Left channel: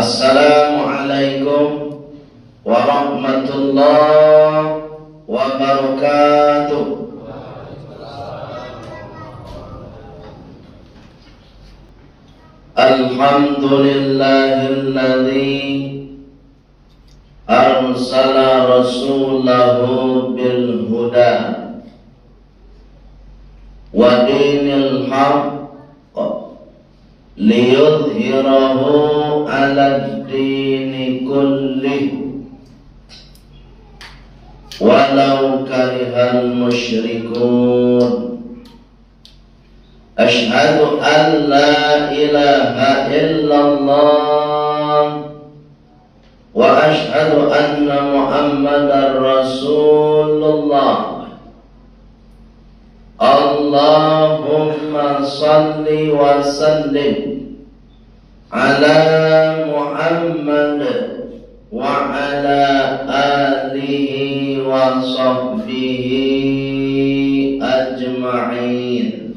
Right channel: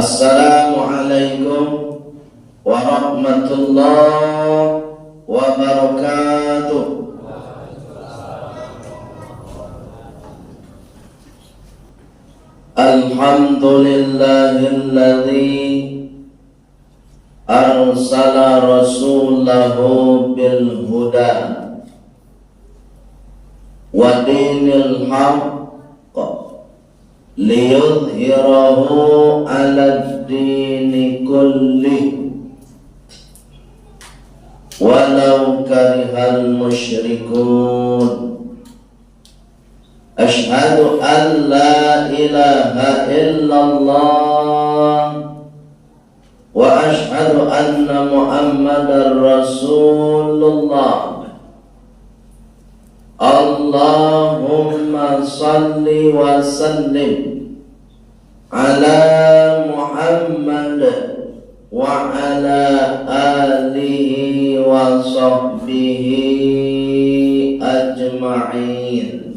Assalamualaikum warahmatullahi wabarakatuh. Alhamdulillahilladzi arsala rasulahu bil huda wa dinil haqq liyudhhirahu 'alad dini kullih walau karihal musyrikun. Asyhadu an la ilaha illallah wa asyhadu anna Muhammadar Rasulullah. Allahumma salli wa sallim ala Muhammad wa ala alihi wa sahbihi ajma'in.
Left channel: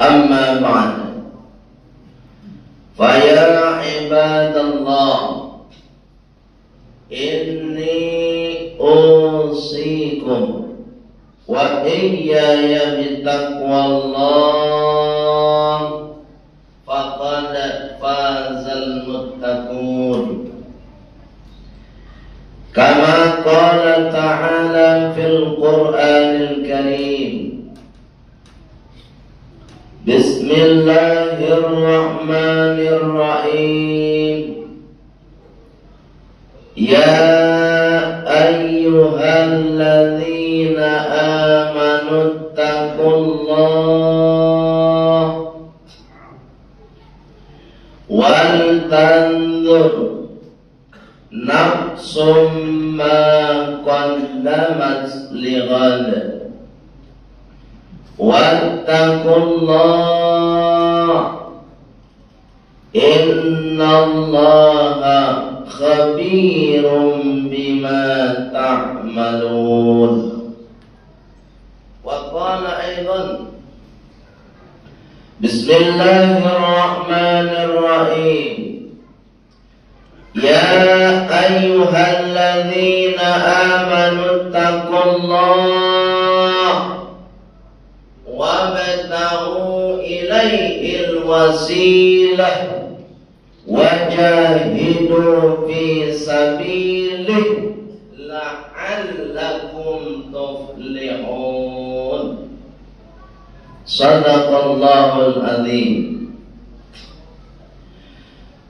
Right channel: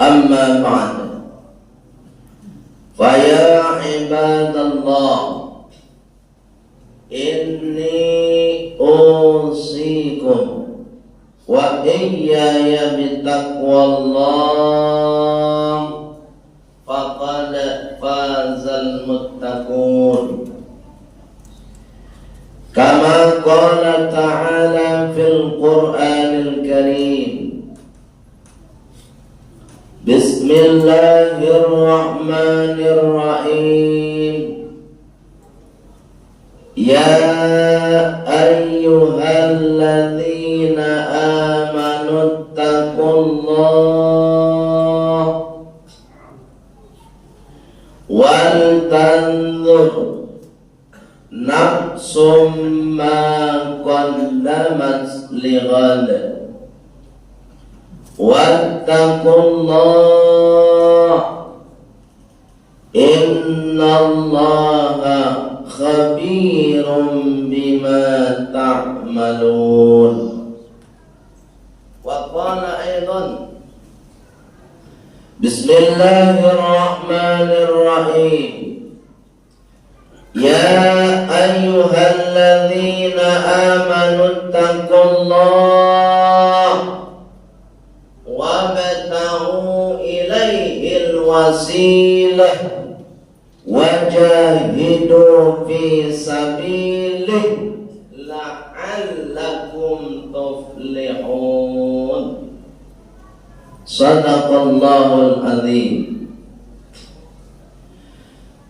Amma ba'd. Fa ya ibadallah, inni usikum wa iyaya bitaqwallah faqad fazal muttaqun. Kama qala ta'ala fil Qur'anil Karim, Bismillahirrahmanirrahim. Ya ayyuhalladzina amanu taqullah wal tanzur nafsum ma qaddamat lighad wattaqullah innallaha khabirum bima ta'malun. Wa qala aidan Bismillahirrahmanirrahim. Ya ayyuhalladzina amanu taqullah wabtaghu ilaihil wasilah wajahidu fi sabilih la'allakum tuflihun. Sadaqallahul azim.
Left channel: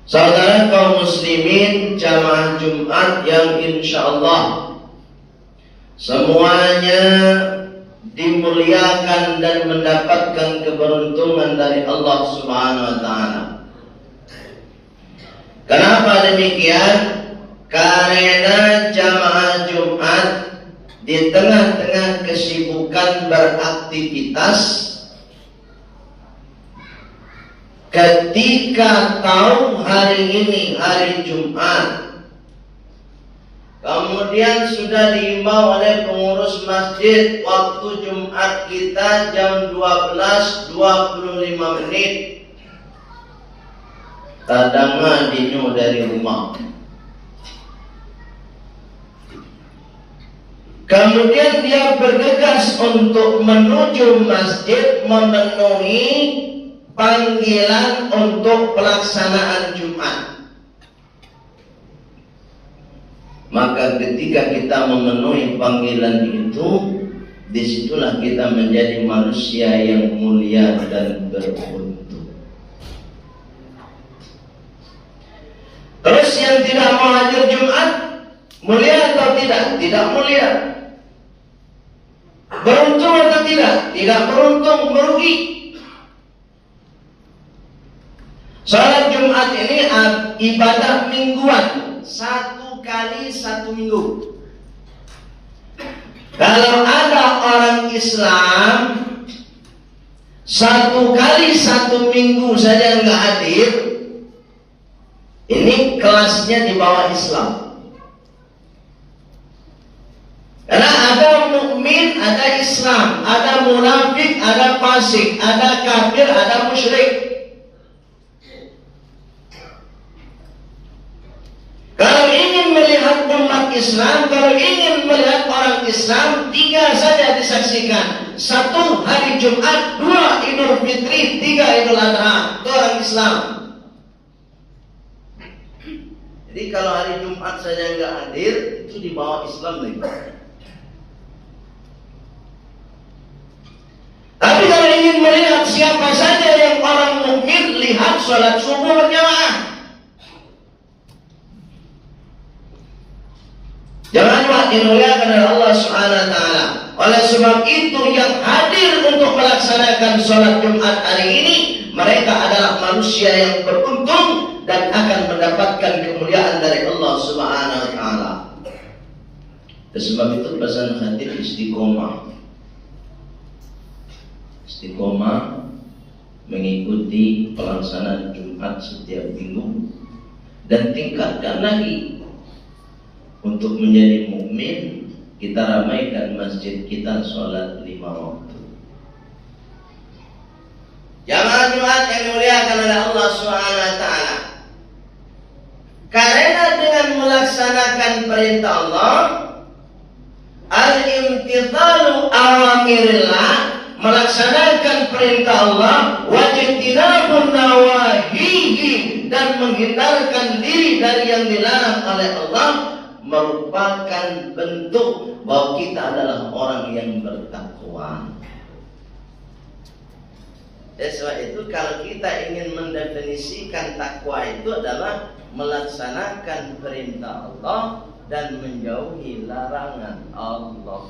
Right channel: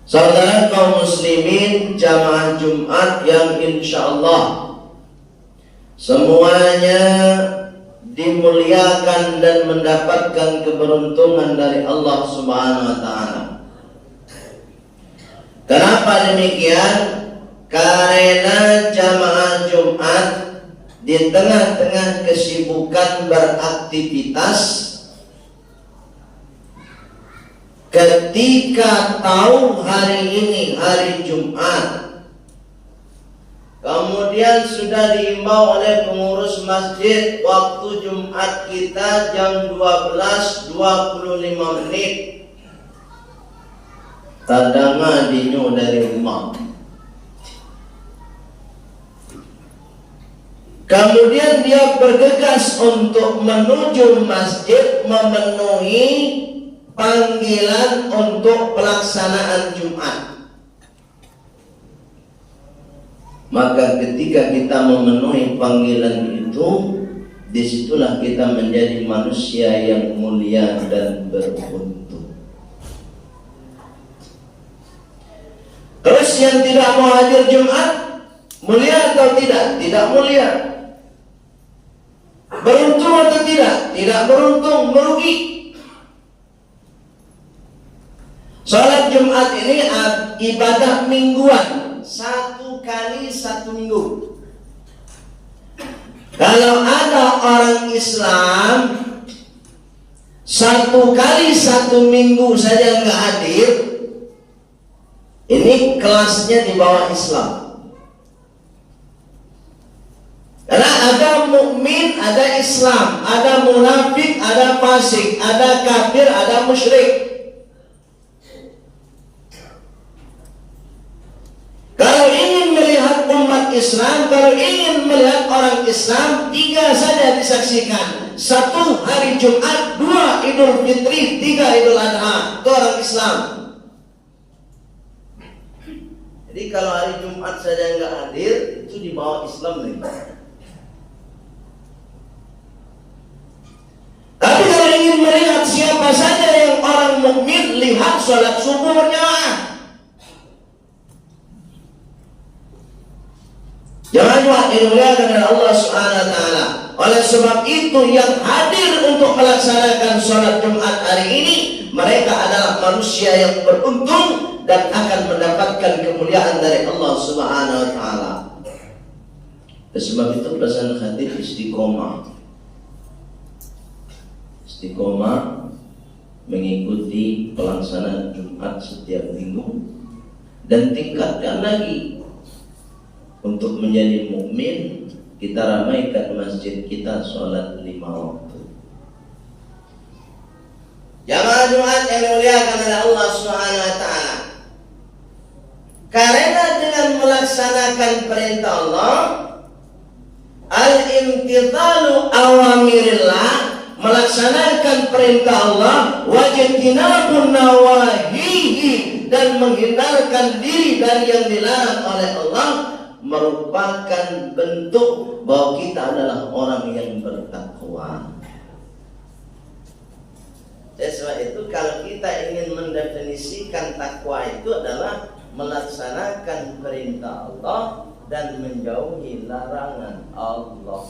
Saudara kaum muslimin jamaah Jumat yang insyaallah semuanya dimuliakan dan mendapatkan keberuntungan dari Allah Subhanahu wa taala. Kenapa demikian? Karena jamaah Jumat di tengah-tengah kesibukan beraktivitas, ketika tahu hari ini hari Jumat, kemudian sudah diimbau oleh pengurus masjid waktu Jumat kita jam 12.25 menit. Kadang dinyu dari rumah. Kemudian dia bergegas untuk menuju masjid memenuhi panggilan untuk pelaksanaan Jumat. Maka ketika kita memenuhi panggilan itu, disitulah kita menjadi manusia yang mulia dan beruntung. Terus yang tidak mau hadir Jumat, mulia atau tidak? Tidak mulia. Beruntung atau tidak? Tidak beruntung, merugi. Salat Jumat ini ibadah mingguan, 1 kali 1 minggu. Kalau ada orang Islam 1 kali 1 minggu saja nggak hadir, ini kelasnya di bawah Islam. Karena ada mukmin, ada Islam, ada munafik, ada fasik, ada kafir, ada musyrik. Islam kalau ingin melihat orang Islam 3 saja disaksikan. 1 hari Jumat, 2 Idul Fitri, 3 Idul Adha. Itu orang Islam. Jadi kalau hari Jumat saja nggak hadir, itu di bawah Islam nih. Tapi kalau ingin melihat siapa saja yang orang mukmin, lihat sholat subuh berjamaah. Jangan dimuliakan oleh Allah Subhanahu wa taala. Oleh sebab itu yang hadir untuk melaksanakan sholat Jumat hari ini, mereka adalah manusia yang beruntung dan akan mendapatkan kemuliaan dari Allah Subhanahu wa taala. Sebab itu pesan hadis istiqomah. Istiqomah mengikuti pelaksanaan Jumat setiap minggu dan tingkatkan lagi untuk menjadi mukmin. Kita ramaikan masjid kita sholat 5 waktu. Jamaah Jumat yang dimuliakan oleh Allah Subhanahu wa taala. Karena dengan melaksanakan perintah Allah, al-imtithalu awamirillah, melaksanakan perintah Allah, wajtinabun nawahihi, dan menghindarkan diri dari yang dilarang oleh Allah, merupakan bentuk bahwa kita adalah orang yang bertakwa. Sebab itu kalau kita ingin mendefinisikan takwa itu adalah melaksanakan perintah Allah dan menjauhi larangan Allah.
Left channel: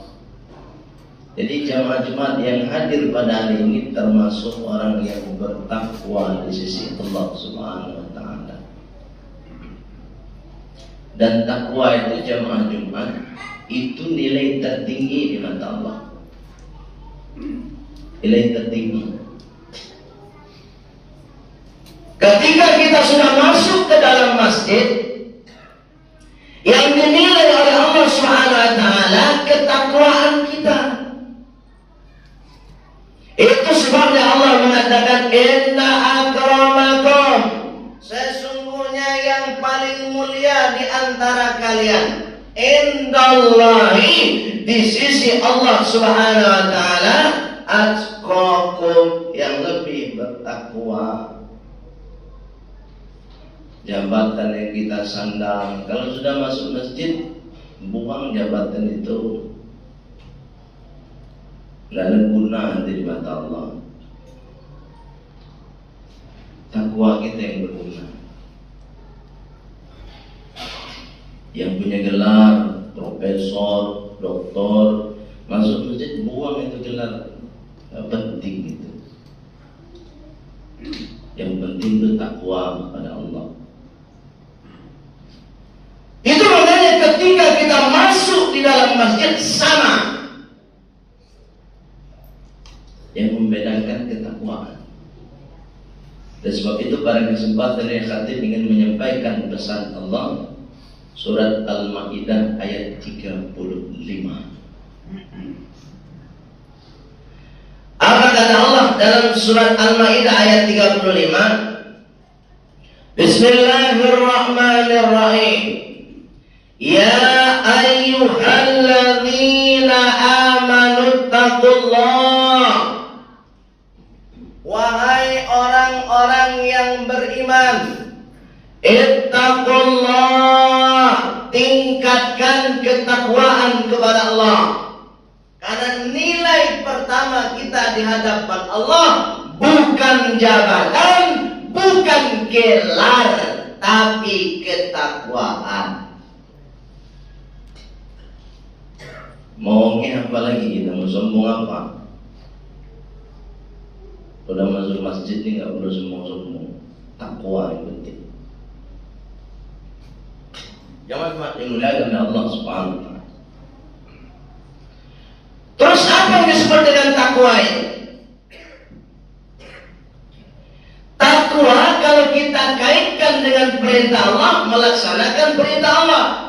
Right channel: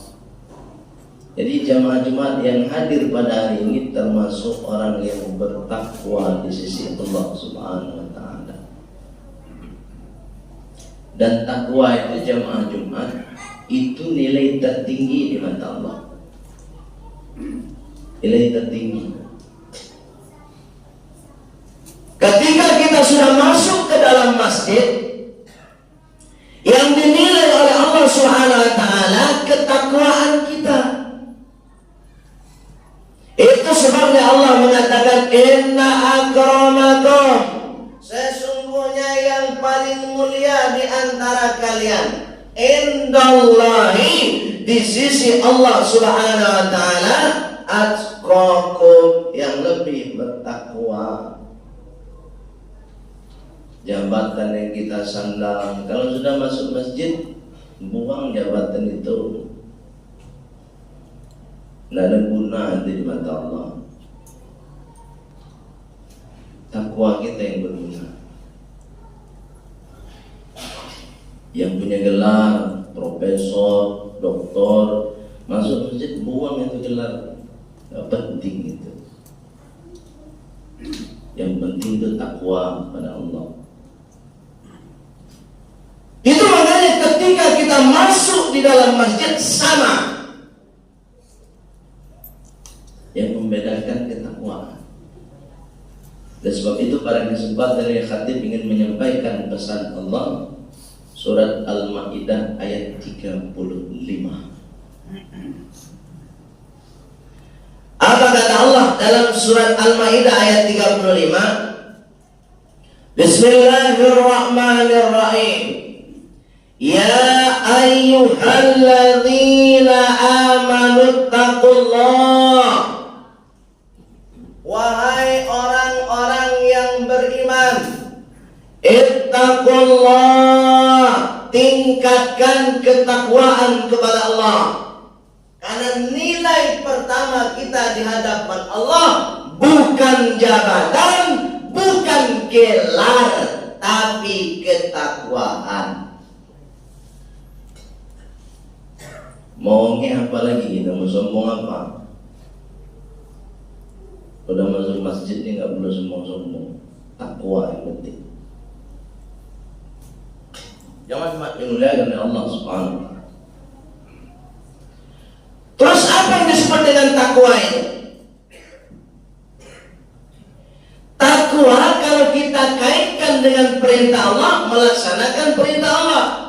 Jadi jamaah Jumat yang hadir pada hari ini termasuk orang yang bertakwa di sisi Allah Subhanahu wa taala. Dan takwa itu jamaah Jumat itu nilai tertinggi di mata Allah. Nilai tertinggi. Ketika kita sudah masuk ke dalam masjid, yang dinilai oleh Allah Subhanahu wa taala ketakwaan kita. Itu sebabnya Allah mengatakan inna akramakum, sesungguhnya yang paling mulia di antara kalian, indallahi, di sisi Allah Subhanahu wa taala, atqakum, yang lebih bertakwa. Jabatan yang kita sandang, kalau sudah masuk masjid, buang jabatan itu. Tidak ada guna nanti di mata Allah. Takwa kita yang berguna. Yang punya gelar profesor, doktor, masuk masjid buang itu gelar. Tidak penting itu. Yang penting itu takwa kepada Allah. Itu makanya ketika kita masuk di dalam masjid sama. Yang membedakan ketakwaan. Dan sebab itu pada kesempatan yang khatib ingin menyampaikan pesan Allah, surat Al-Maidah ayat 35. Apa kata Allah dalam surat Al-Maidah ayat 35? Bismillahirrahmanirrahim. Ya ayyuhalladzina amanu taqullah. Wahai orang-orang yang beriman, ittaqullah, tingkatkan ketakwaan kepada Allah. Karena nilai pertama kita di hadapan Allah bukan jabatan, bukan gelar, tapi ketakwaan. Maunya apa lagi kita? Mau sombong apa? Udah masuk masjid ini nggak perlu sombong-sombong. Takwa yang penting. Jangan cuma dimuliakan oleh Allah Subhanahu wa taala. Terus apa yang disebut dengan takwa ini? Takwa kalau kita kaitkan dengan perintah Allah, melaksanakan perintah Allah.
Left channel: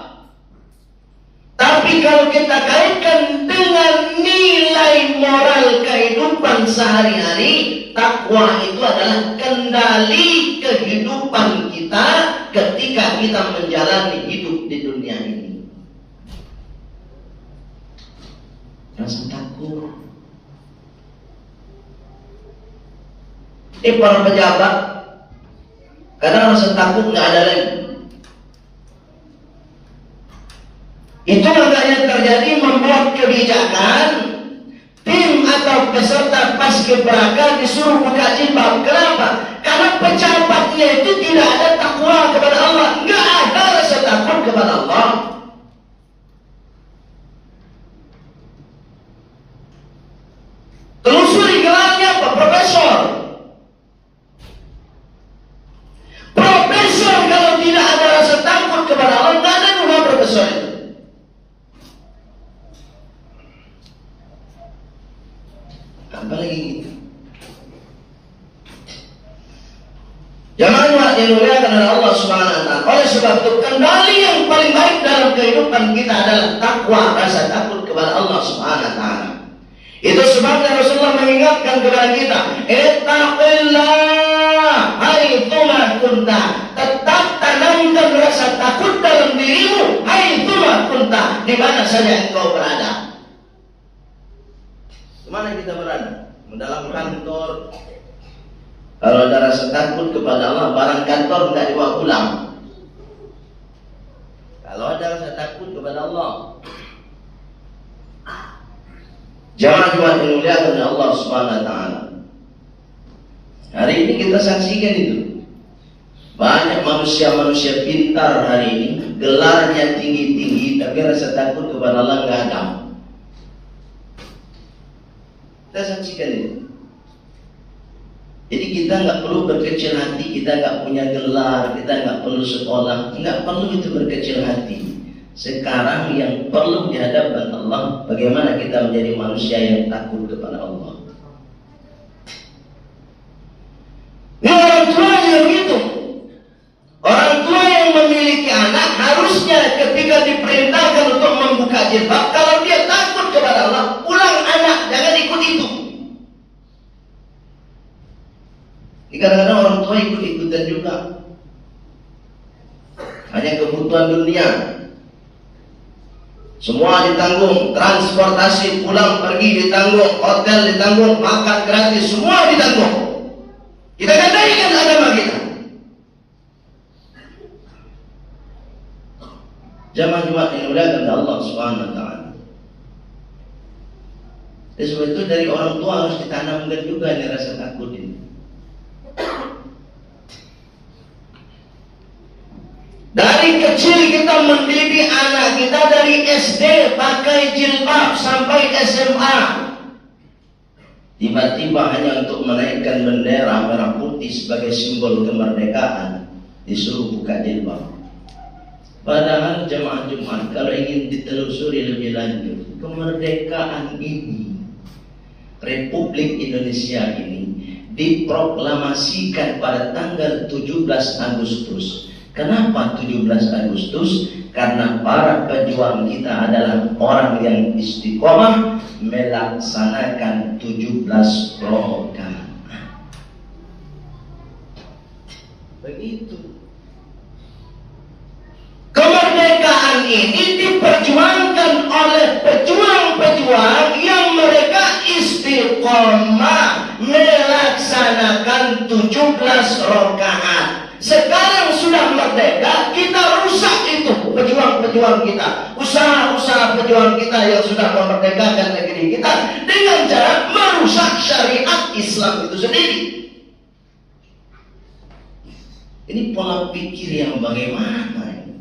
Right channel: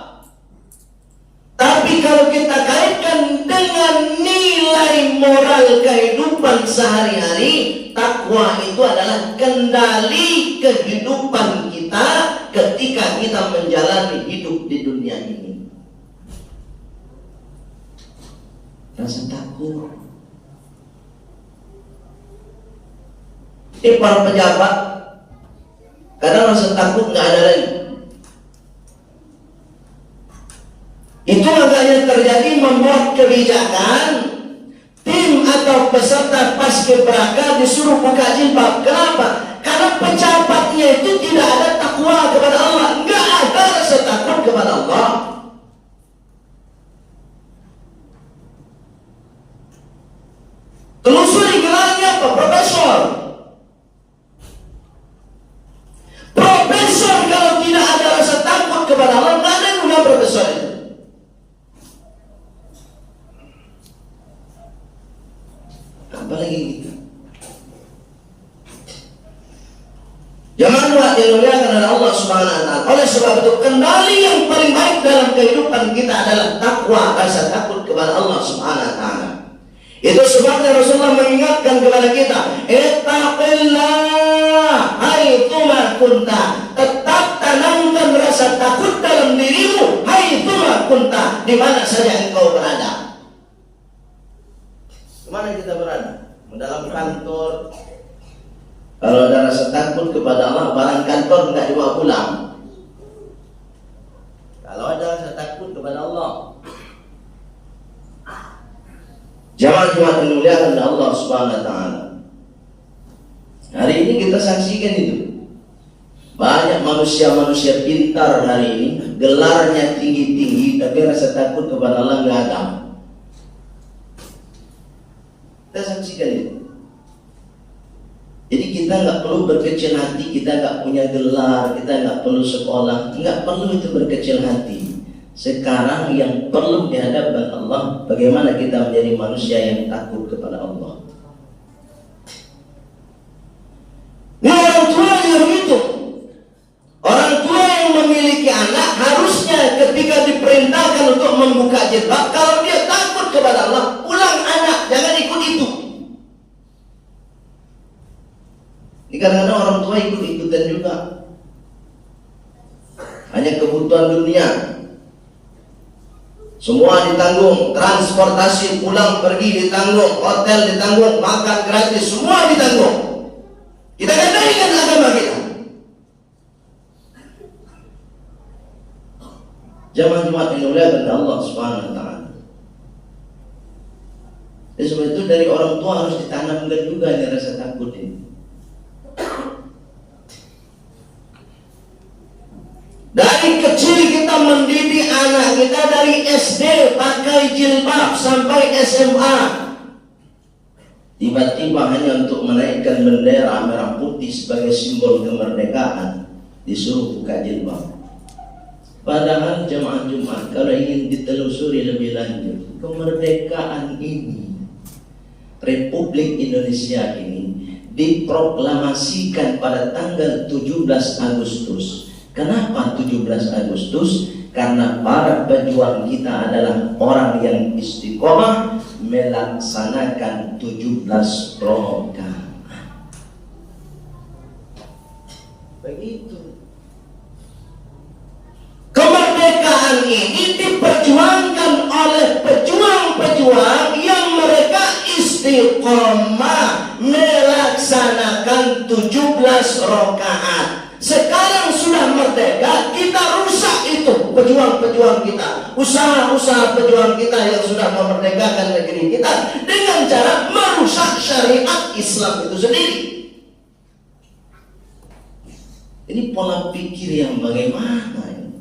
Tapi kalau kita kaitkan dengan nilai moral kehidupan sehari-hari, takwa itu adalah kendali kehidupan kita ketika kita menjalani hidup di dunia ini. takut. Ini para pejabat, kadang rasa takut nggak ada lagi. Itu makanya terjadi membuat kebijakan tim atau peserta paskibraka disuruh buka jilbab. Kenapa? Karena pejabatnya itu tidak ada takwa kepada Allah, nggak ada rasa takut kepada Allah. Telusuri gelarnya apa? Profesor. Profesor kalau tidak ada rasa takut kepada Allah, nggak ada juga profesor itu. Apalagi gitu. Jangan lupa dimuliakan oleh Allah Subhanahu wa taala. Oleh sebab itu kendali yang paling baik dalam kehidupan kita adalah takwa, rasa takut kepada Allah Subhanahu wa taala. Itu sebabnya Rasulullah mengingatkan kepada kita, ittaqillah haitsuma kunta. Tetap tanamkan rasa takut dalam dirimu haitsuma kunta, di mana saja engkau berada. Kemana kita berada? Dalam kantor. Kalau ada rasa takut kepada Allah, barang kantor tidak dibawa pulang. Kalau ada rasa takut kepada Allah, jangan cuma dimuliakan oleh Allah Subhanahu wa taala. Hari ini kita saksikan itu. Banyak manusia-manusia pintar hari ini, gelarnya tinggi-tinggi, tapi rasa takut kepada Allah nggak ada. Kita saksikan itu. Jadi kita nggak perlu berkecil hati, kita nggak punya gelar, kita nggak perlu sekolah, nggak perlu itu berkecil hati. Sekarang yang perlu dihadapkan Allah, bagaimana kita menjadi manusia yang takut kepada Allah. Ini orang tua yang begitu. Orang tua yang memiliki anak harusnya ketika diperintahkan untuk membuka jilbab, kalau dia takut kepada Allah, pulang anak, jangan ikut itu. Ini kadang-kadang orang tua ikut-ikutan juga. Hanya kebutuhan dunia. Semua ditanggung, transportasi pulang pergi ditanggung, hotel ditanggung, makan gratis, semua ditanggung. Kita kandaikan agama kita. Jamaah-jamaah yang dimuliakan oleh Allah Subhanahu wa taala. Sebab itu dari orang tua harus ditanamkan juga ini rasa takut ini. Dari kecil kita mendidik anak kita dari SD pakai jilbab sampai SMA. Tiba-tiba hanya untuk menaikkan bendera merah putih sebagai simbol kemerdekaan disuruh buka jilbab. Padahal jemaah Jumat kalau ingin ditelusuri lebih lanjut, kemerdekaan ini, Republik Indonesia ini diproklamasikan pada tanggal 17 Agustus. Kenapa 17 Agustus? Karena para pejuang kita adalah orang yang istiqomah melaksanakan 17 program. Begitu. Kemerdekaan ini diperjuangkan oleh pejuang-pejuang yang mereka istiqomah melaksanakan 17 rakaat. Sekarang sudah merdeka, kita rusak itu pejuang-pejuang kita, usaha-usaha pejuang kita yang sudah memerdekakan negeri kita dengan cara merusak syariat Islam itu sendiri. Ini pola pikir yang bagaimana ini?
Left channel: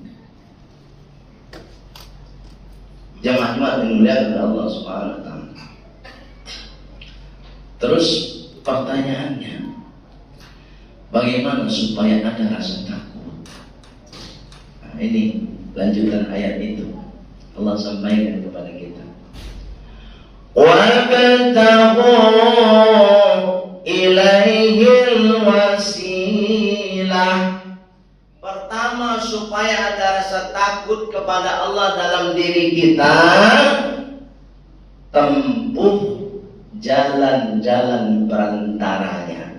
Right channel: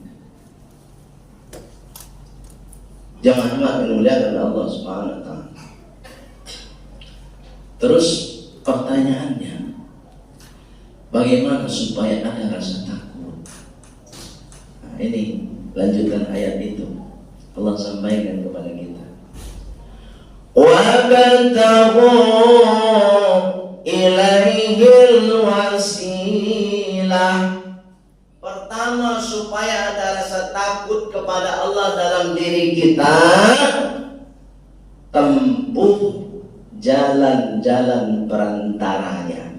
Jamaah yang dimuliakan oleh Allah Subhanahu wa taala. Terus pertanyaannya, bagaimana supaya ada rasa takut? Nah, ini lanjutan ayat itu. Allah sampaikan kepada kita. Wa bantaghu ilaihil wasilah. Pertama, supaya ada rasa takut kepada Allah dalam diri kita, tempuh jalan-jalan perantaranya.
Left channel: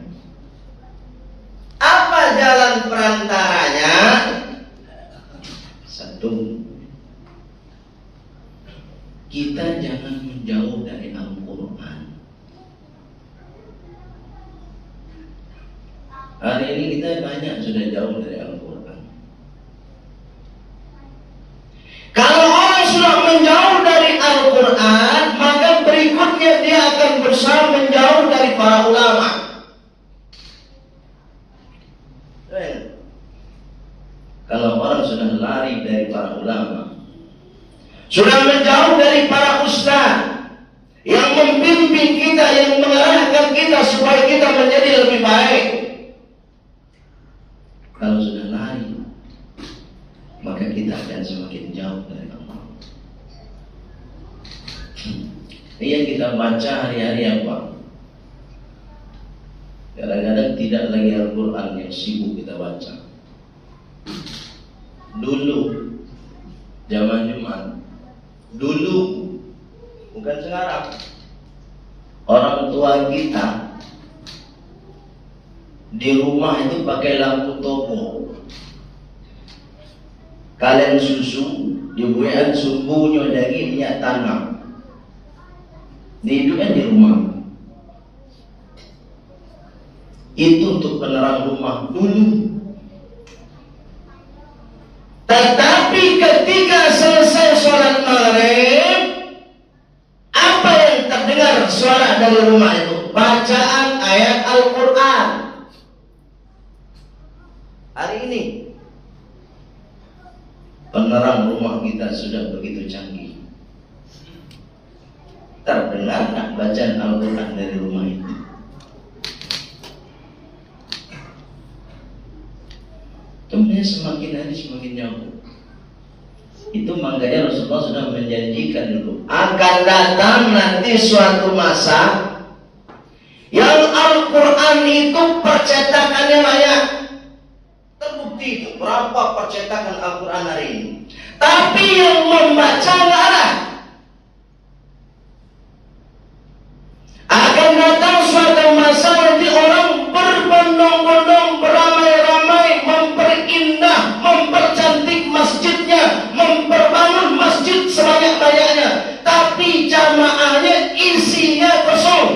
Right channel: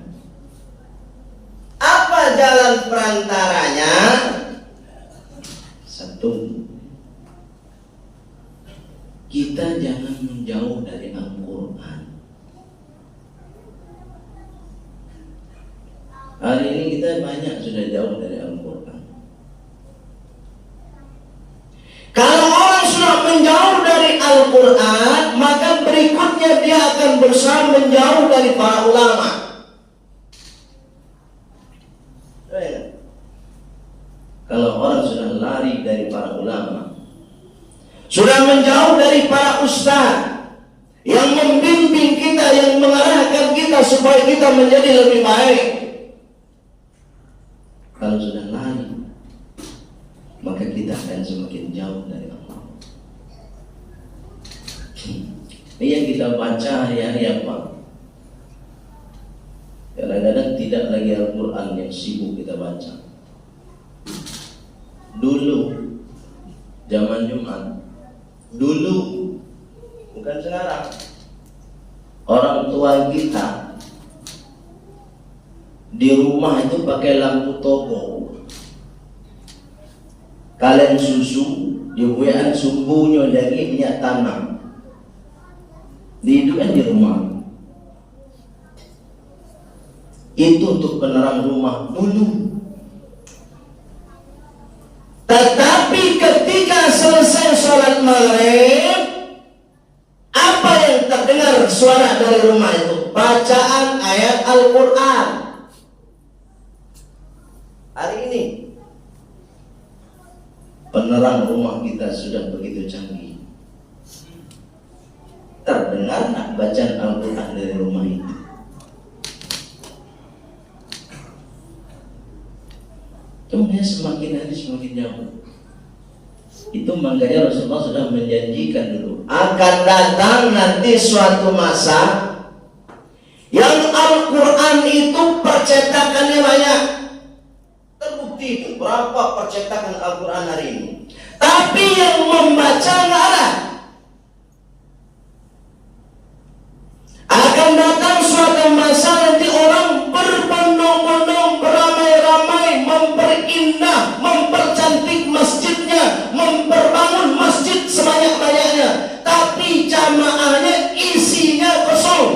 Apa jalan perantaranya? Satu, kita jangan menjauh dari Allah. Tapi kita banyak sudah jauh dari Al-Quran. Kalau orang sudah menjauh dari Al-Quran, maka berikutnya dia akan berusaha menjauh dari para ulama. Kalau orang sudah lari dari para ulama, sudah menjauh dari para ustaz yang membimbing kita, yang mengarahkan kita supaya kita menjadi lebih baik. Kalau sudah lari, maka kita akan semakin jauh dari Allah. Ini yang kita baca hari-hari apa? Kadang-kadang tidak lagi Al-Quran yang sibuk kita baca. Dulu, zaman Jumat, dulu, bukan sekarang, orang tua kita di rumah itu pakai lampu toko. Kalian susu, ibuan subuhnya daging minyak tanah. Dihidupan di rumah. Itu untuk penerang rumah dulu. Tetapi ketika selesai sholat maghrib, apa yang terdengar suara dari rumah itu? Bacaan ayat Al-Quran. Hari ini penerang rumah kita sudah begitu canggih. Terdengar bacaan Al-Quran dari rumah itu. Kemudian semakin hari semakin jauh. Itu makanya Rasulullah sudah menjanjikan dulu akan datang nanti suatu masa yang Al-Quran itu percetakannya banyak. Terbukti itu berapa percetakan Al-Quran hari ini. Tapi yang membaca nggak ada. Akan datang suatu masa nanti orang berbondong-bondong, beramai-ramai, memperindah, mempercantik masjidnya, memperbangun masjid sebanyak-banyaknya, tapi jamaahnya isinya kosong.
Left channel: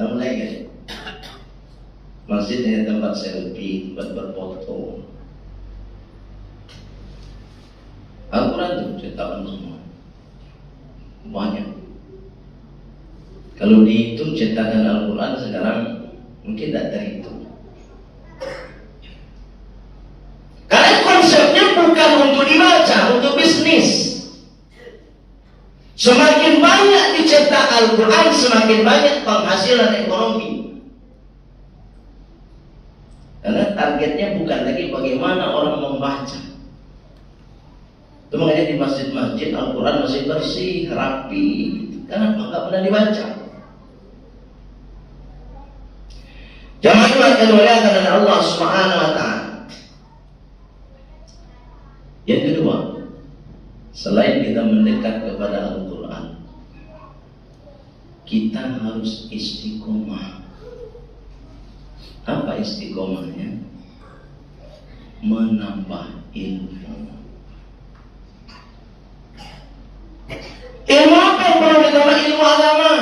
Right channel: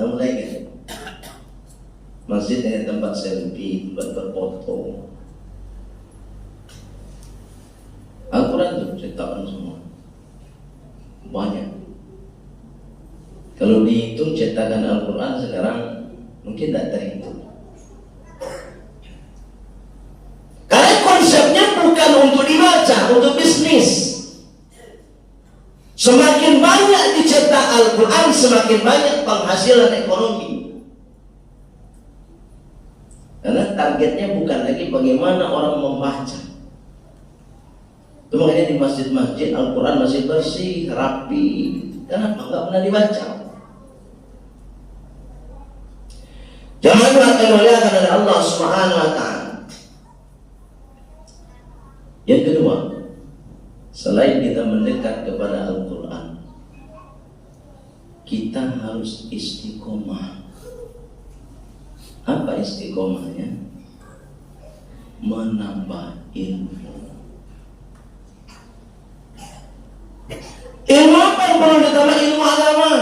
Tahu lagi? Masjid yang tempat selfie, tempat berfoto. Al-Quran itu cetakan semua, banyak. Kalau dihitung cetakan Al-Quran sekarang mungkin tidak terhitung. Karena konsepnya bukan untuk dibaca, untuk bisnis. Semakin banyak dicetak Al-Quran, semakin banyak penghasilan ekonomi. Karena targetnya bukan lagi bagaimana orang membaca. Itu makanya di masjid-masjid Al-Quran masih bersih, rapi. Kenapa? Enggak pernah dibaca. Jangan akan dimuliakan oleh Allah Subhanahu wa Ta'ala. Yang kedua, selain kita mendekat kepada Al-Quran, kita harus istiqomah. Apa istiqomahnya? Menambah ilmu. Ilmu apa yang perlu ditambah? Ilmu agama.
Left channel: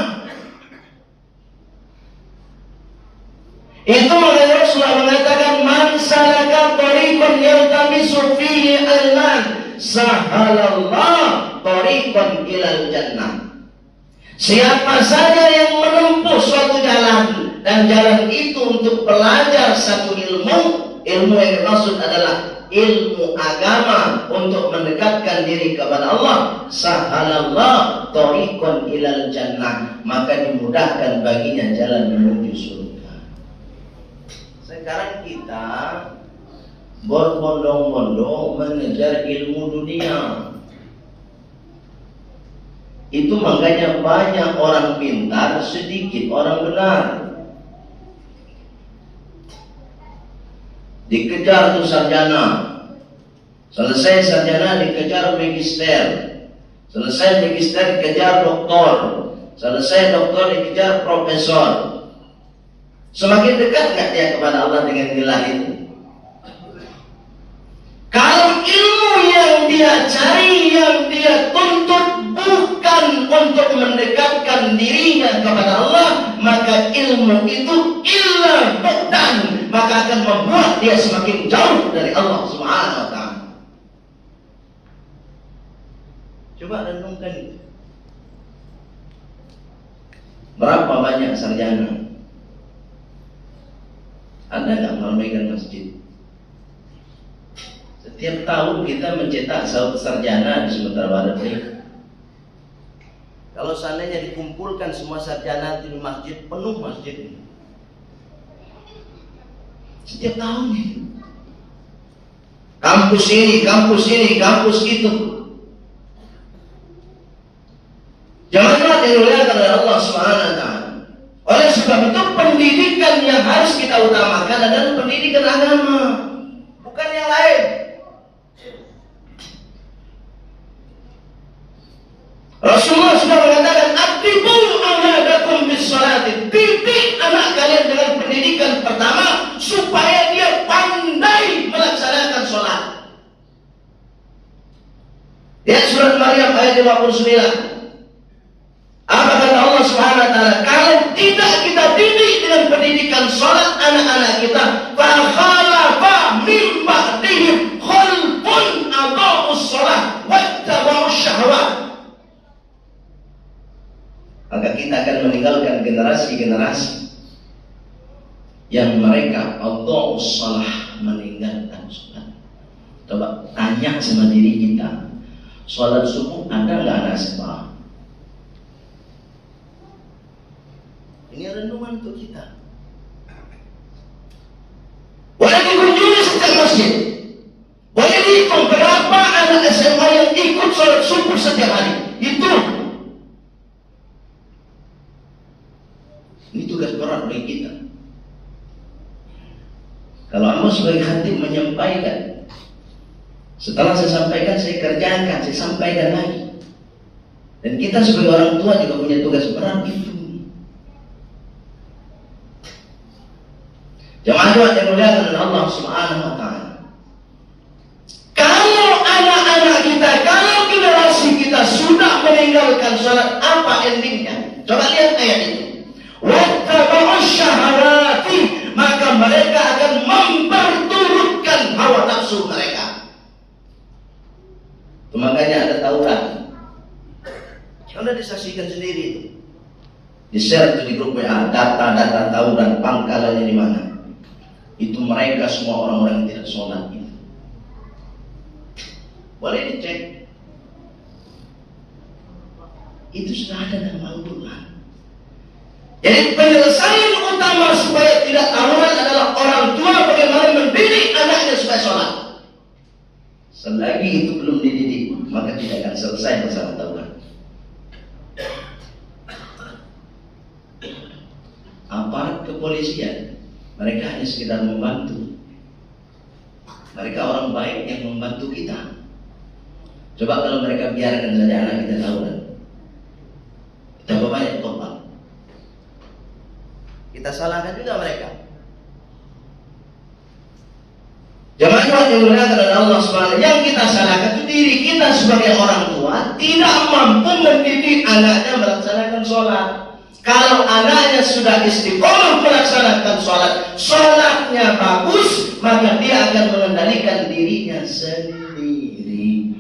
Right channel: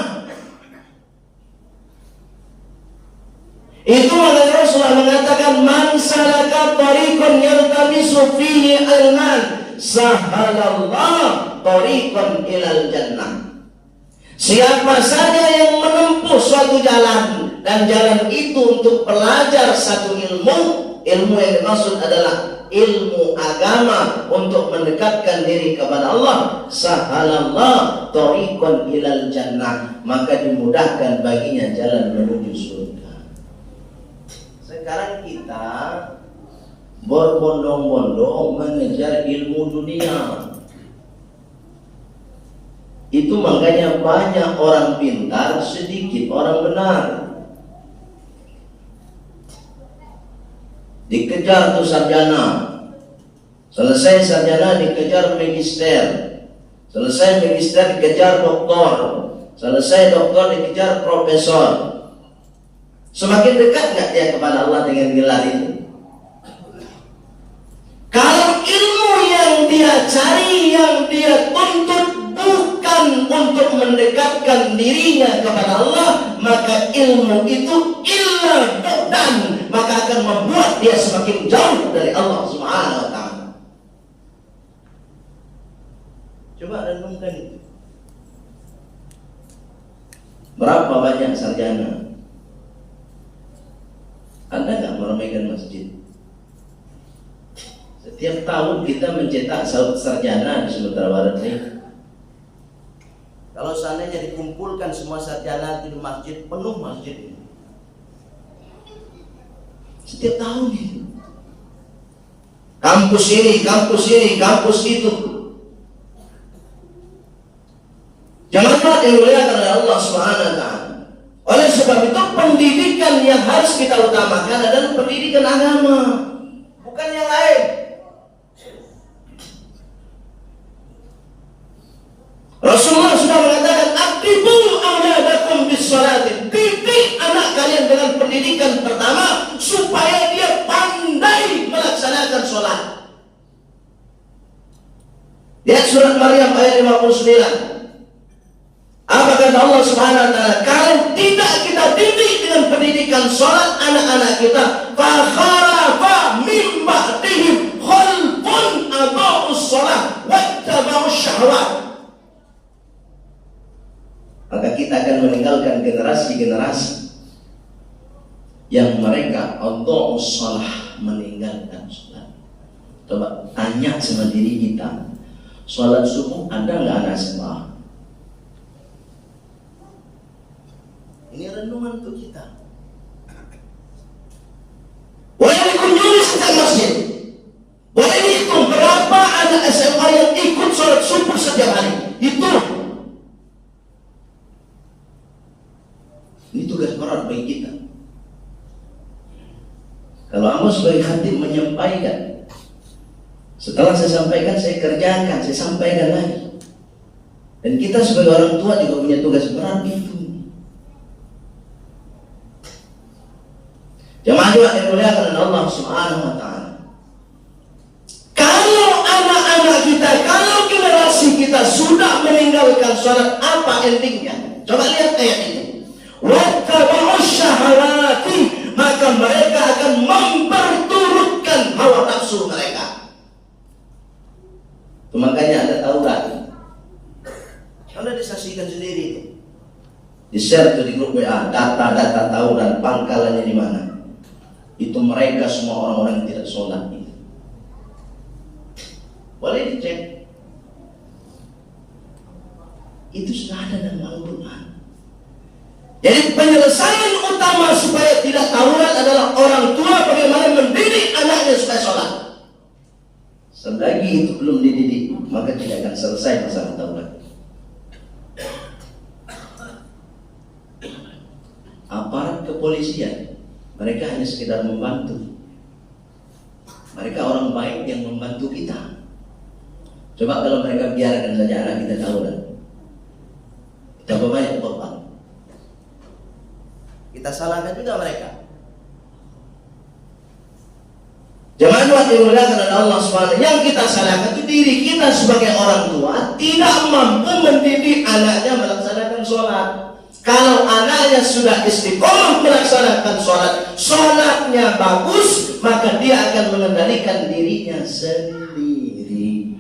Itu makanya Rasulullah mengatakan, man salaka tariqan yaltamisu fihi ilman sahalallah tariqan ilal jannah. Siapa saja yang menempuh suatu jalan dan jalan itu untuk belajar satu ilmu yang dimaksud adalah ilmu agama untuk mendekatkan diri kepada Allah, sahalallah tariqan ilal jannah, maka dimudahkan baginya jalan menuju surga. Sekarang kita berbondong-bondong mengejar ilmu dunia. Itu makanya banyak orang pintar, sedikit orang benar. Dikejar tuh sarjana, selesai sarjana dikejar magister, selesai magister dikejar doktor, selesai doktor dikejar profesor. Semakin dekat nggak dia kepada Allah dengan gelar itu? Kalau ilmu yang dia cari, yang dia tuntut bukan untuk mendekatkan dirinya kepada Allah, maka ilmu itu illa bu'dan, maka akan membuat dia semakin jauh dari Allah Subhanahu wa ta'ala. Coba renungkan itu. Berapa banyak sarjana? Ada nggak meramaikan masjid? Setiap tahun kita mencetak sarjana di Sumatera Barat ini. Kalau seandainya dikumpulkan semua sarjana di masjid, penuh masjid ini. Setiap tahun ini. Kampus ini, kampus itu. Jamaah yang dimuliakan oleh Allah Subhanahu wa ta'ala. Oleh sebab itu pendidikan yang harus kita utamakan adalah pendidikan agama, bukan yang lain. Rasulullah sudah mengatakan, "Aqribu auladakum bis-shalati." Didik anak kalian dengan pendidikan pertama supaya dia pandai melaksanakan sholat. Lihat surat Maryam ayat 59. Apa kata Allah Subhanahu wa ta'ala? Kalau tidak kita didik dengan pendidikan sholat anak-anak kita, fa khalafa min ba'dihim khalfun adaa'us shalah wattaba'us syahwat. Maka kita akan meninggalkan generasi-generasi yang mereka adaa'us shalah, meninggalkan sholat. Coba tanya sama diri kita, sholat subuh ada nggak anak SMA? Ini renungan untuk kita. Boleh dikunjungi setiap masjid. Boleh dihitung berapa anak SMA yang ikut sholat subuh setiap hari. Itu. Ini tugas berat bagi kita. Kalau Amos sebagai khatib menyampaikan, setelah saya sampaikan, saya kerjakan, saya sampaikan lagi. Dan kita sebagai orang tua juga punya tugas berat itu. Jemaah yang dimuliakan oleh Allah Subhanahu wa ta'ala. Kalau anak-anak kita, kalau generasi kita sudah meninggalkan sholat, apa endingnya? Coba lihat ayat ini. Wattaba'us syahawati, maka mereka akan memperturutkan hawa nafsu mereka. Makanya ada Taurat. Anda disaksikan sendiri itu. Di-share itu di grup WA, data-data Taurat, pangkalannya di mana? Itu mereka semua orang-orang yang tidak sholat itu. Boleh dicek. Itu sudah ada dalam Al-Quran. Jadi penyelesaian utama supaya tidak tawuran adalah orang tua bagaimana mendidik anaknya supaya sholat. Selagi itu belum dididik, maka tidak akan selesai masalah tawuran. Aparat kepolisian, mereka hanya sekedar membantu. Mereka orang baik yang membantu kita. Coba kalau mereka biarkan saja anak kita tawuran, kita banyak korban. Kita salahkan juga mereka. Jangan yang dimuliakan oleh Allah SWT. Yang kita salahkan itu diri kita sebagai orang tua tidak mampu mendidik anaknya melaksanakan sholat. Kalau anaknya sudah istiqomah melaksanakan sholat, sholatnya bagus, maka dia akan mengendalikan dirinya sendiri.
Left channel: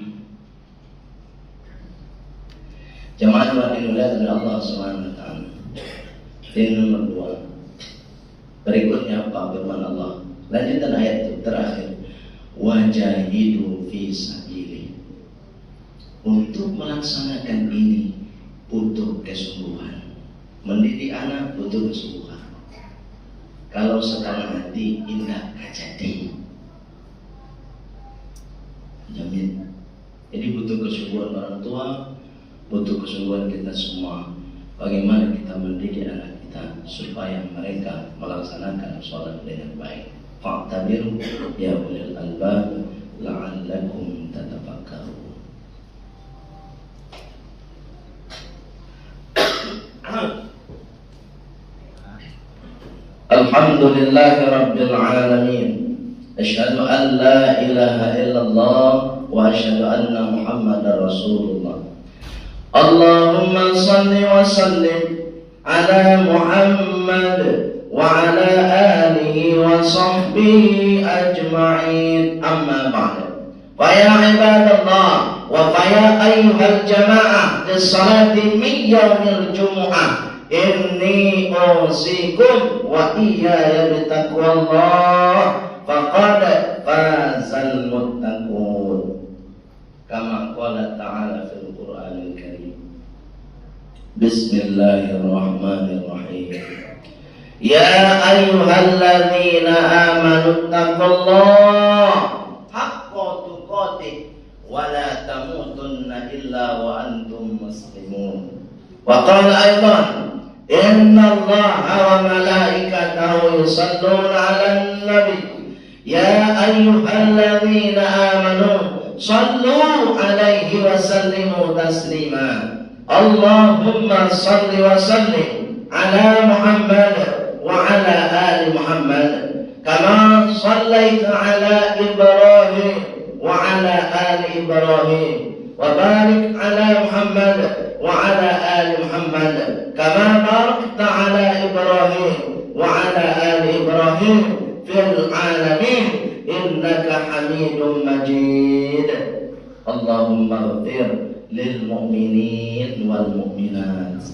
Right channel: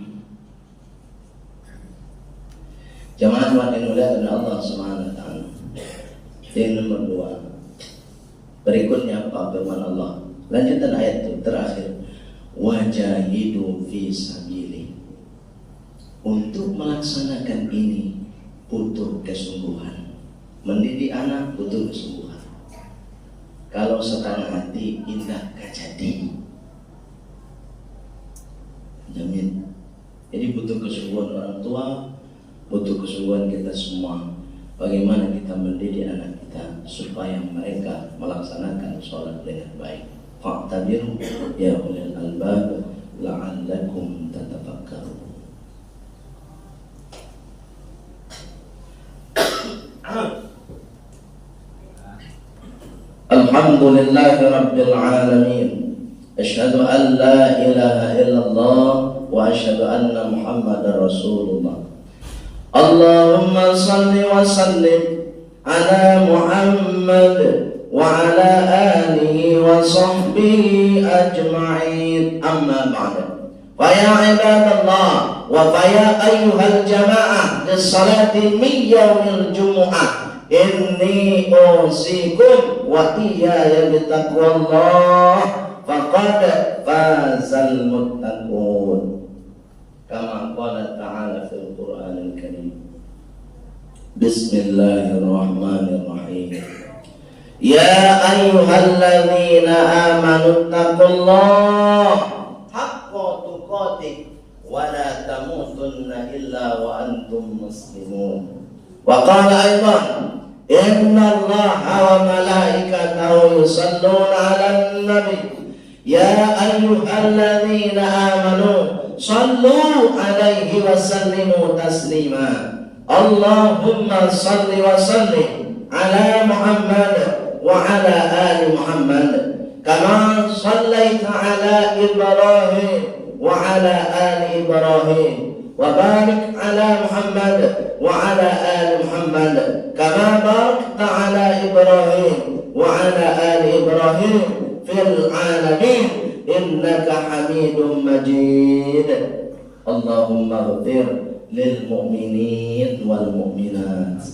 Jemaah yang dimuliakan oleh Allah SWT. Yang nomor 2. Berikutnya apa firman Allah? Lanjutan ayat itu terakhir. Wajahidu fi sabili. Untuk melaksanakan ini butuh kesungguhan. Mendidik anak butuh kesungguhan. Kalau setengah hati indah gak jadi. Jamin. Jadi butuh kesungguhan orang tua, butuh kesungguhan kita semua. Bagaimana kita mendidik anak kita supaya mereka melaksanakan sholat dengan baik. Fa'tabiru ya ulil albab la'allakum tatafakkarun. Alhamdulillahi rabbil alamin. Asyhadu an la ilaha illallah wa asyhadu anna Muhammadar Rasulullah. Allahumma salli wa sallim ala Muhammad wa ala alihi wa sahbihi ajma'in. Amma ba'da. Fa ya ibadallah wa fa ya ayyuhal jama'ah lis-salati min yaumil jumu'ah. Inni usikum wa iyaya bitaqwallah faqad fazal muttaqun. Kama qala ta'ala fil Qur'anil Karim. Bismillahirrahmanirrahim. Ya ayyuhalladzina amanu taqullah haqqa tuqatih wa la tamutunna illa wa antum muslimun. Wa qala aidan inna Allaha wa malaikatahu yusalluna 'alan nabi ya ayyuhalladzina amanu sallu 'alaihi wa sallimu taslima. Allahumma salli wa sallim 'ala Muhammad wa 'ala ali Muhammad kama sallaita 'ala Ibrahim wa 'ala ali Ibrahim wa barik 'ala Muhammad wa 'ala ali Muhammad kama barakta 'ala Ibrahim wa 'ala ali Ibrahim fil 'alamin innaka Hamidum Majid. Allahumma ighfir lil mu'minin wal mu'minat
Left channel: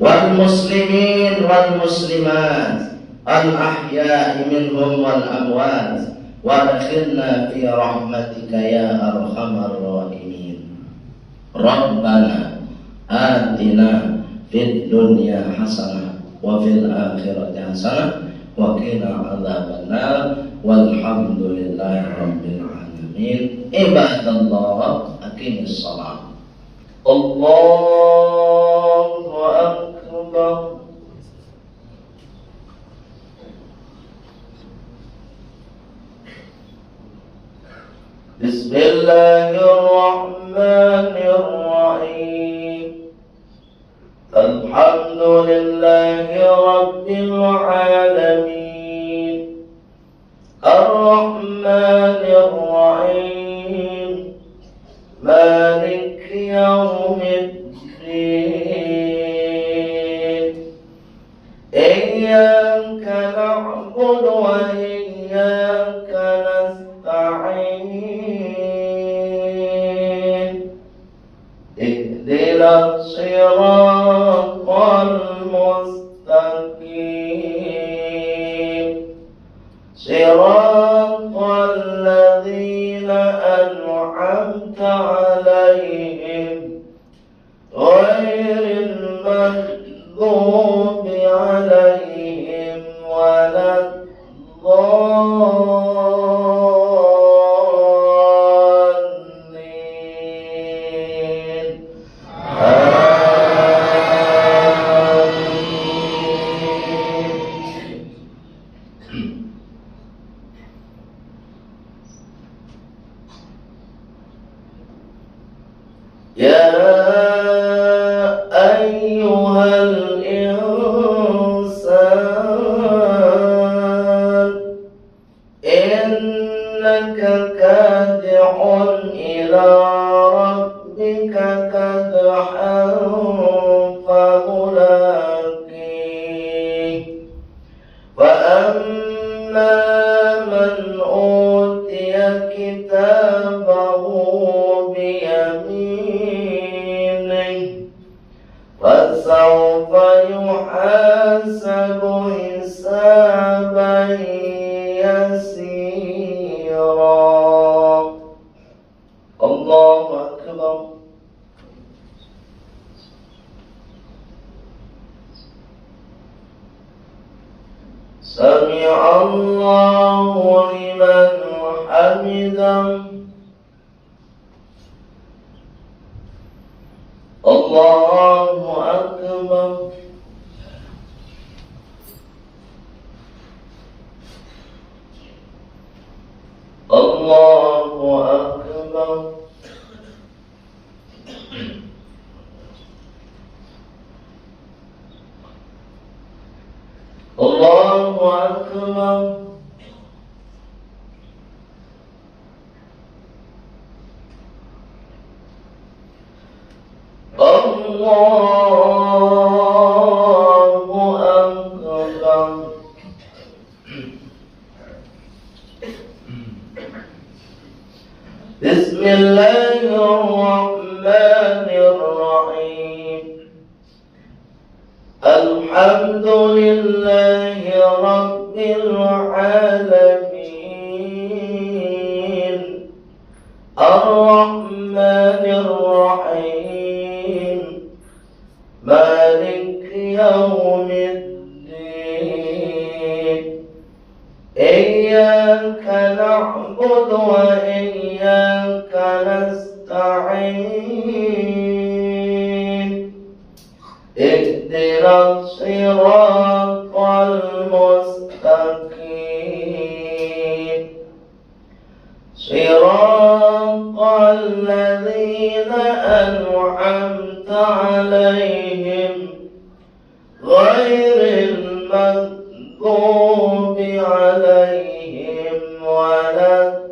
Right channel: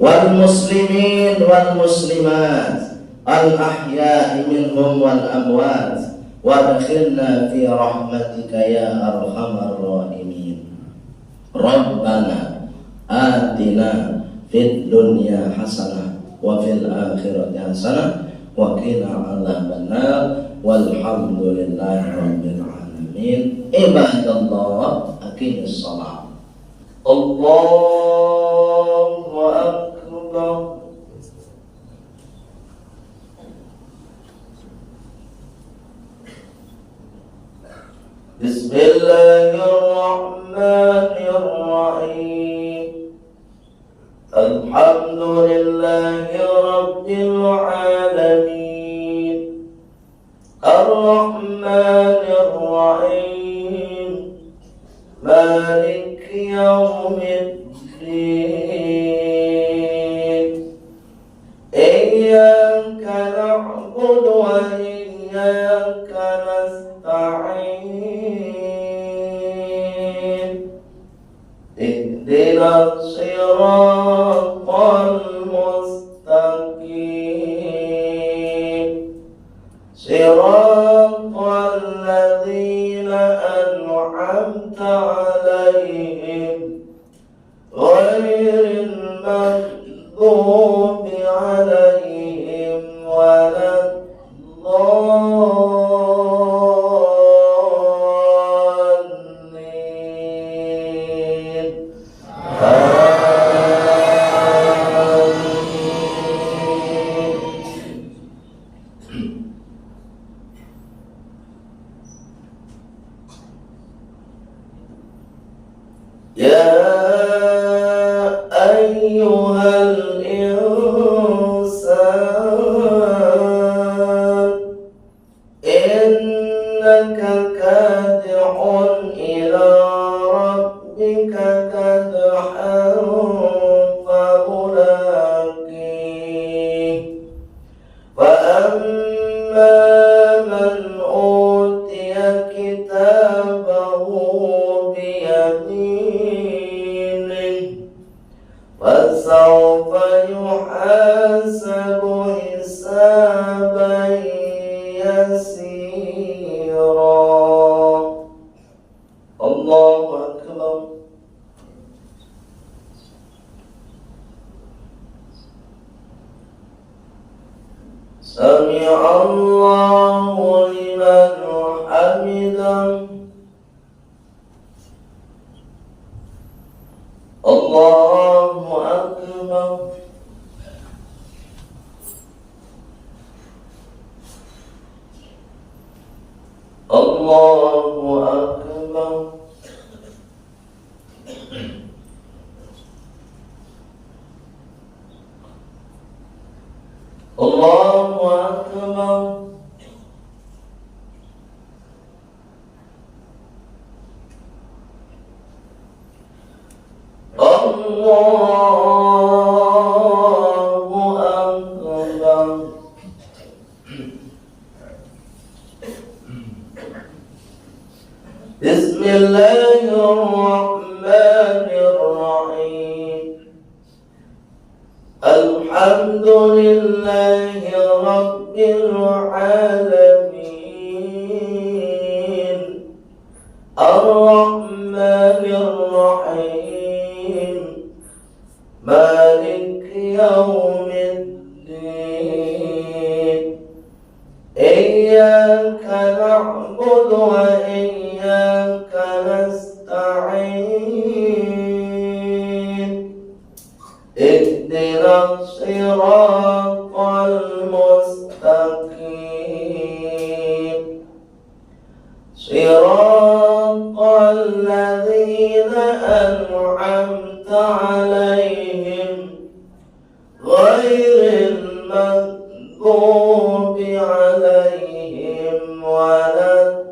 wal muslimin wal muslimat al ahya'i minhum wal amwat wa adkhilna fi rahmatika ya arhamar rahimin. Rabbana atina fid dunya hasanah wa fil akhirati hasanah wa qina adzabannar walhamdulillahi rabbil alamin. Ibadallah aqimus shalah. Allahu akbar. Bismillahirrahmanirrahim. Alhamdulillahi rabbil alamin. Ar-Rahmanir Rahim. Malik yaumiddin. Iyyaka na'budu wa iyyaka nasta'in. Ihdinas siratal mustaqim. Siratal ladzina an'amta 'alaihim ghairil maghdubi 'alaihim waladdallin. Ya ayyuhal insan innaka kadihun ila rabbika kadhan famulaqih. Wa amma man utiya kitabahu biyaminih fasawfa yuhasabu hisaban yasira. Allahu akbar. Sami'allahu liman hamidah. Allahu akbar. Allahu akbar. Allahu akbar. Allah Bismillahirrahmanirrahim. Alhamdulillahi Rabbil Alamin. Ar-Rahmanir-Rahim. Malik Yawmiddin. Iyyaka na'budu wa iyyaka nasta'in. Ihdinas siratal mustaqim. Siratal ladzina an'amta 'alaihim ghairil maghdubi 'alaihim waladdallin.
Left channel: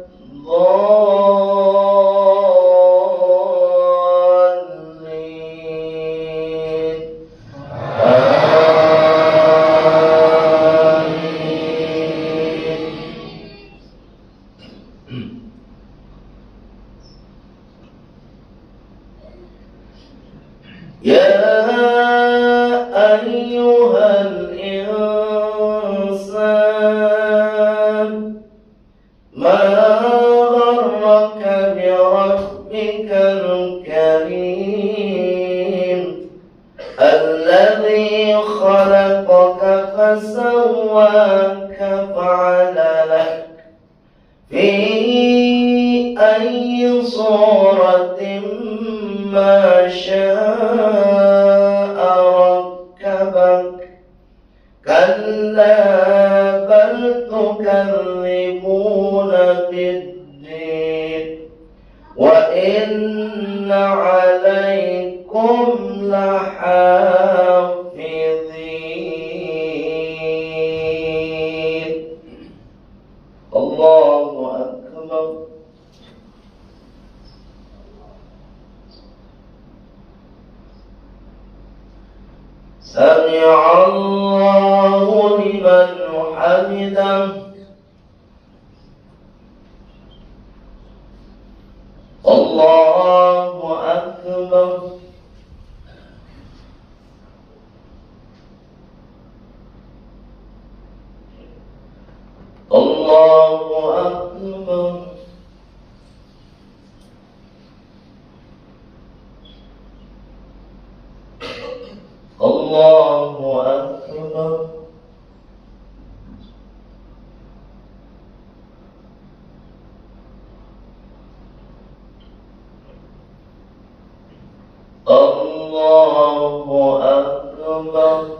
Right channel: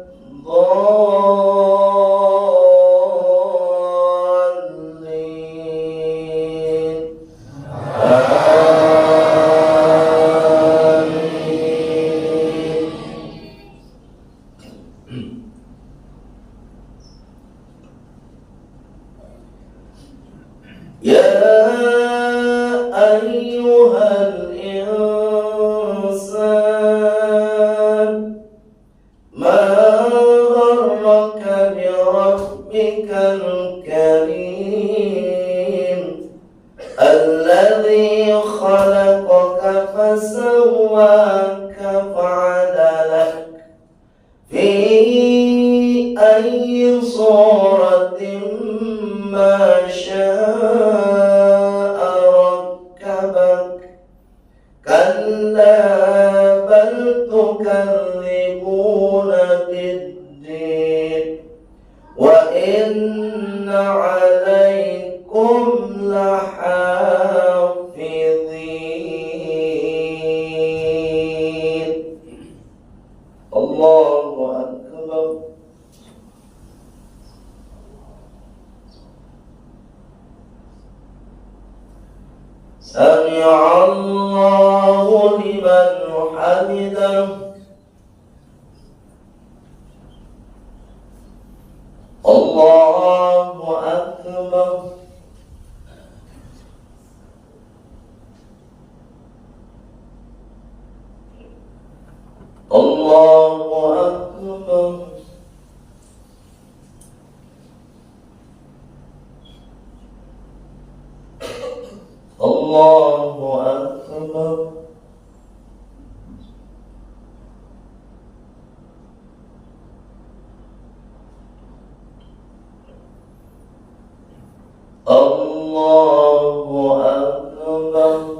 Ya ayyuhal insan ma gharraka bi rabbikal karim alladhi khalaqaka fasawwaka fa'adalak fi ayyi suratin ma syaa rakkabak. Kalla bal tukadzibuna bid-din wa inna 'alaikum lahafizin. Allahu akbar. Sami'allahu liman hamidah. Allahu akbar. Allahu akbar. Allahu akbar. Allahu akbar.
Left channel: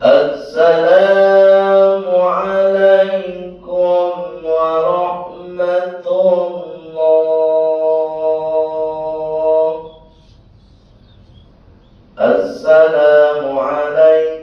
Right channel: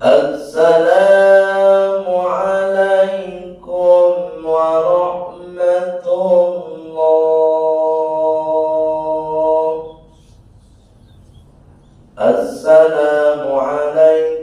Assalamu alaikum warahmatullah. Assalamu alaikum